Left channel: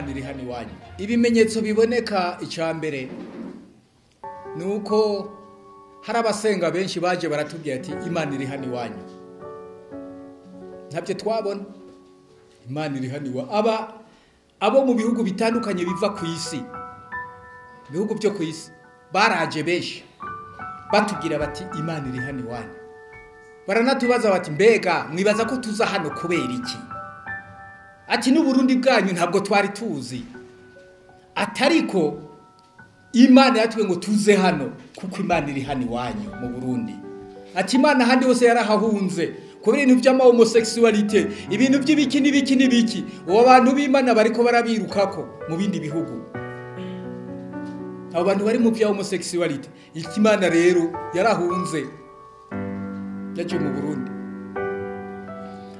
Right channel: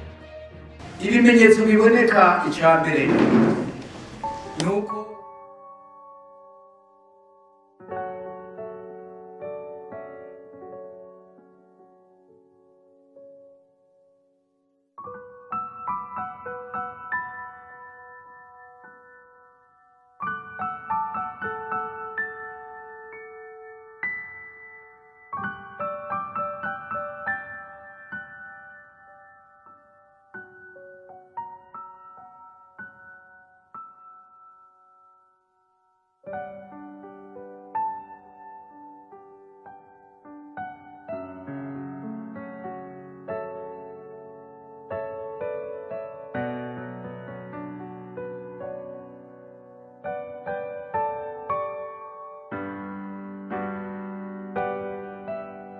imana iri hano iwanyu. ibimenyetso biboneka icyambere nuko hari abasenga benshi baje baratubwira ati imana iri hano iwanyu. Ntabyo twabona. Imana iri hano iwanyu. Abo mu bihugu bitandukanye biva ku isi, bihugu byo ku isi baraje benshi batubwira bati imana iri hano iwanyu. Baranatubaza bati mbega mwibaza ko tuza hano kubera iki? Ati n'Uburundi bwanyu ntabwo twari tuzi. Atariko imana yatwe ngo tuze hano kuko imana iri hano iwanyu mu Burundi. Ati imana handi hose yarahahunze kubera ibintu by'ama homosexuality, ibintu by'ibiki n'ibiki n'ibiki. Uwo bantu b'Imana bariko barabirukako mu bindi bihugu. Abo bantu bari mu bya homosexuality, ikimana rero yarahunze yaje mu Burundi.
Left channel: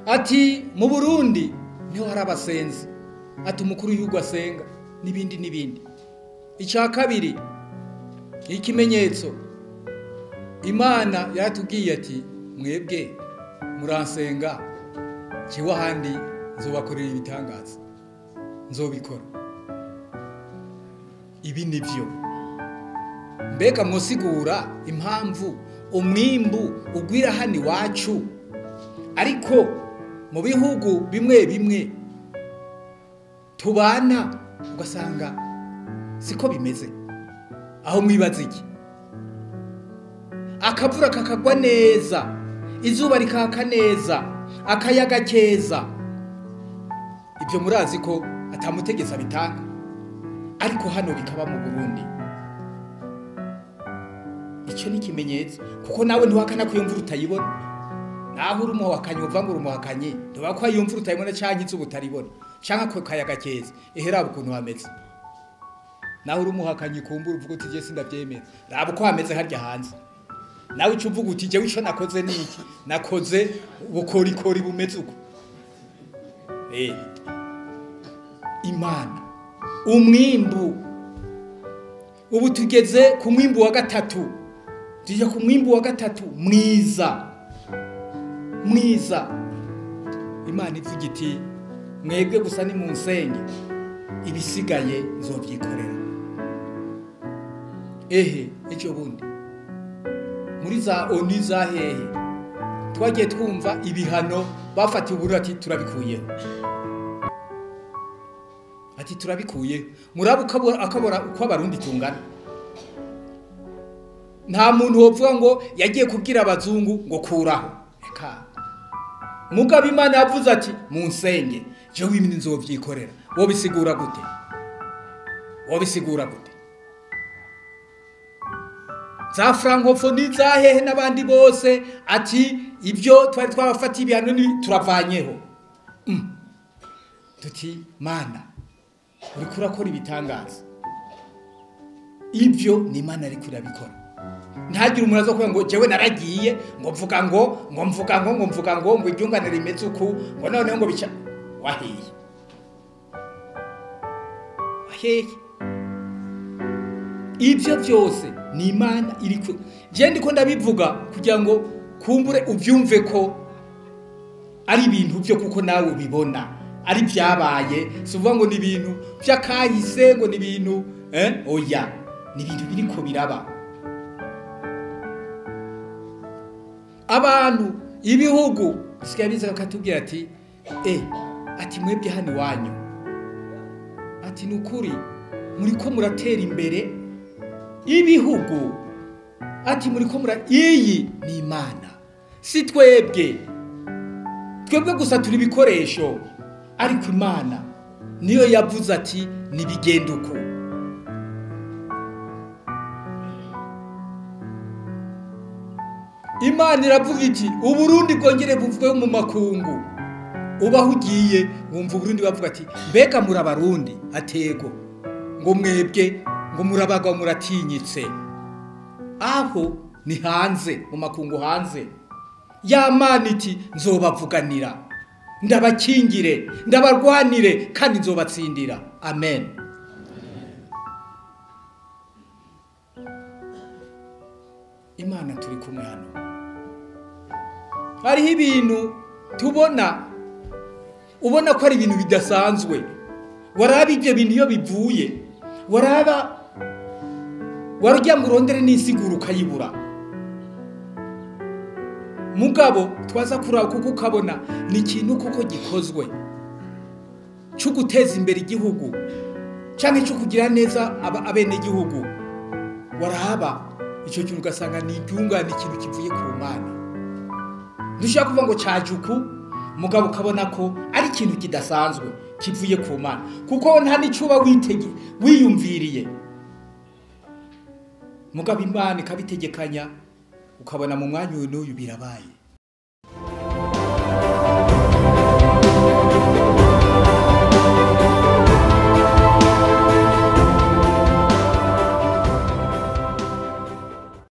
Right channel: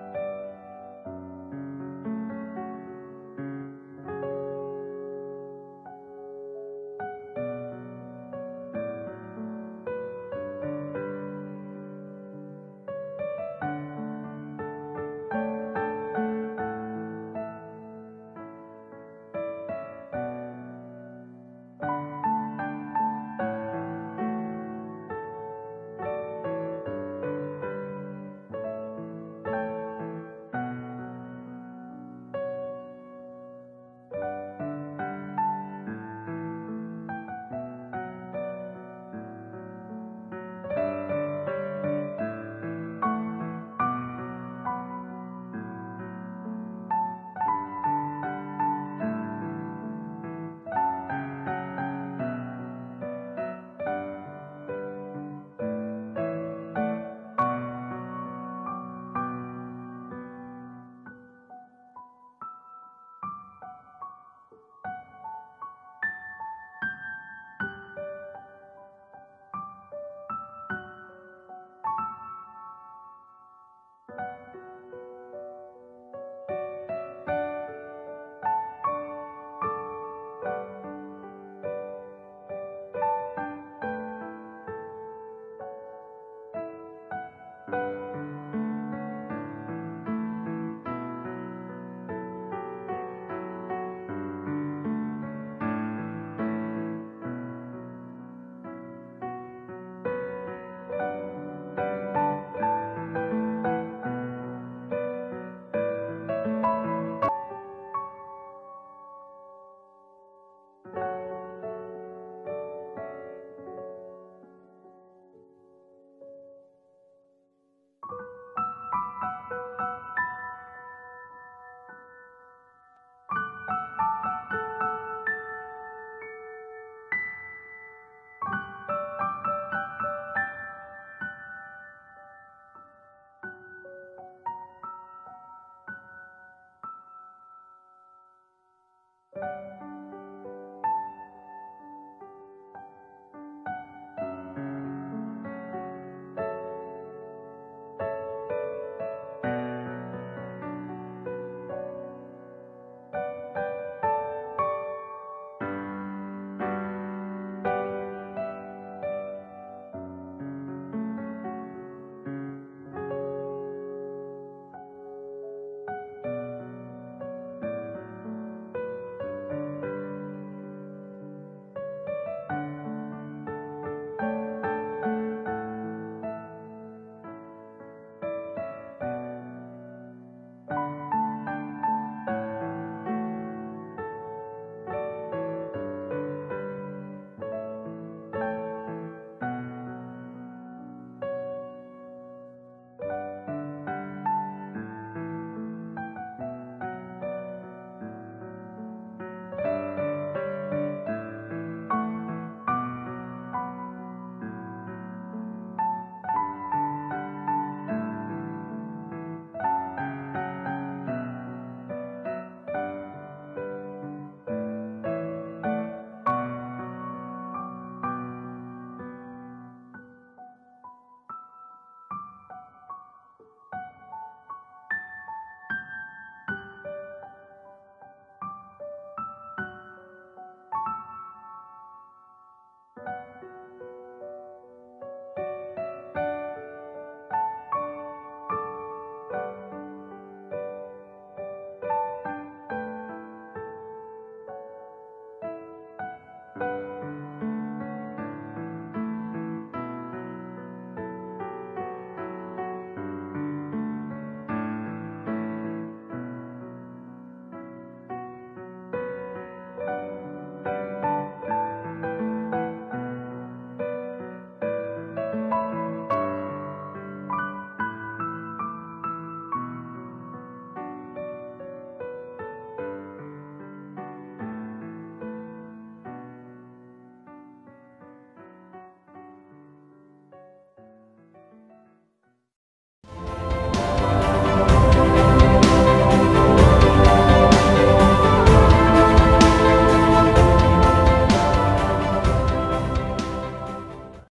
Ati mu Burundi niho hari abasenzi, ati umukuru w'igihugu asenga n'ibindi n'ibindi. Icya kabiri, ikimenyetso, imana yaratubwiye ati mwebwe muransenga kiwa handi nzobakorera ibitangaza, nzobikora. Ibi nivyo. Mbega mwosigura impamvu umwimbu ugwira hano iwacu, ariko mu bihugu bimwe bimwe tubana ugasanga siko bimeze. Aho mwibaza iki? Akavura kakagwa neza, izuba rikaka neza, akayaga keza. Ibyo murazi ko atamutegeza bitanga, ariko hano bikaba mu Burundi. Icyo ni ikimenyetso, kuko nawe ntiwakana ko iyo mvura utayibona. Naho uri umuhakanyi uva ngo uri umuhakanyi, ntiwakwa ko iyo mvura utayibona cyangwa izuba utaribona, cyangwa ko kayaga keza. Raba ukuntu hameze. Naho uri umuhakanyi kumbura uvuga uti je sindabyemera. Raba uko hameze harya hanze. Nawe ucu uvuga uti jewe ico nakoze niki? Nakoze ubukorikori bumeze uko. Imana umwimbu, ubu tugeze ku mwimbu wa gatatu. Tujya ku mwimbu wa gatatu mwiza. Imana ivuga iti mwebwe gusa ni munsenge, ibisigaye nzobyikorera. Icyo bundi muri za ONU za hehe twagiye twumva ibihano bafatiye Uburundi ati turabikuyeho. Ati turabikuye. Murabu akabora uko abarundi tungana. Nta muntu wovuga ngo yagiye kubwira abazungu ngo kuraho. Eka. Mugabo Imana yavuze ati munsenge, je wimini nzovyikorera. Wo bisigura gute? Za francophonie za hehe n'abandi bose ati ibyo twari twabafatiye ibihano ni turavanyeho. Tuti Mana uri kurakora ibitangaza. Ibyo ni Imana ari kurabikora. Ntagire umuntu azo kuvuga ngo jewe naragiye ngo mvuga ngo iryungane rimeze uku ngo none ngo bica wahiye. Ibyo byose ni Imana iri ku. Je ndiko ndabivuga kugira ngo kumbure uvyumve ko ari ibintu byo kuko nawe ubibona ari byabaye. Suvuga ngo ni ibintu byakahise, ngo ni ibintu oya, ni ibintu biriko biraba. Abantu ibihugu sikibiza bakatubwira ati ati mwebwe hano iwanyu, ati nukuri muriko muratera imbere ibihugu, ati muriko iyi ni Imana si twebwe gusa turi bikoresho, ariko Imana niyo yavuze ati nibigenda uko. Imana iravuga iti Uburundi bwongere buvwe mu makungu. Ubaho ugiye wumva Uburundi bavuga ati mbega muri abarundi, atego ngo mwebwe ngo murabaga muratinyitse. Aho ni hanze mu makungu hanze. Ya Mana iti nzobavuganira, ndabakingire, ndabarwanire kandi nzobatsindira. Amen. Imana turi kumwe hano. Hariho ibintu tubona ubona ko ari ibintu bidasanzwe, waraba ibyo bintu iyo bivuye waraba warujya ngo urondere n'insiguro ukayibura mugabo twaza kuraba kuko ukabona ni ikintu kuko gikozwe cyo guteza imbere igihugu cyangwa cyo kugira neza abene igihugu waraba icyo kintu ugasanga ni ibyungane ikintu kivuye ku Mana dushaka kuvuga ngo cyajuku mugabo ukabona ko ari ikintu kidasanzwe kivuye ku Mana kuko nta n'icuba wiyumviriye mugabo Imana ikabitegekanya ukabona mu mwanya n'uyu birabaye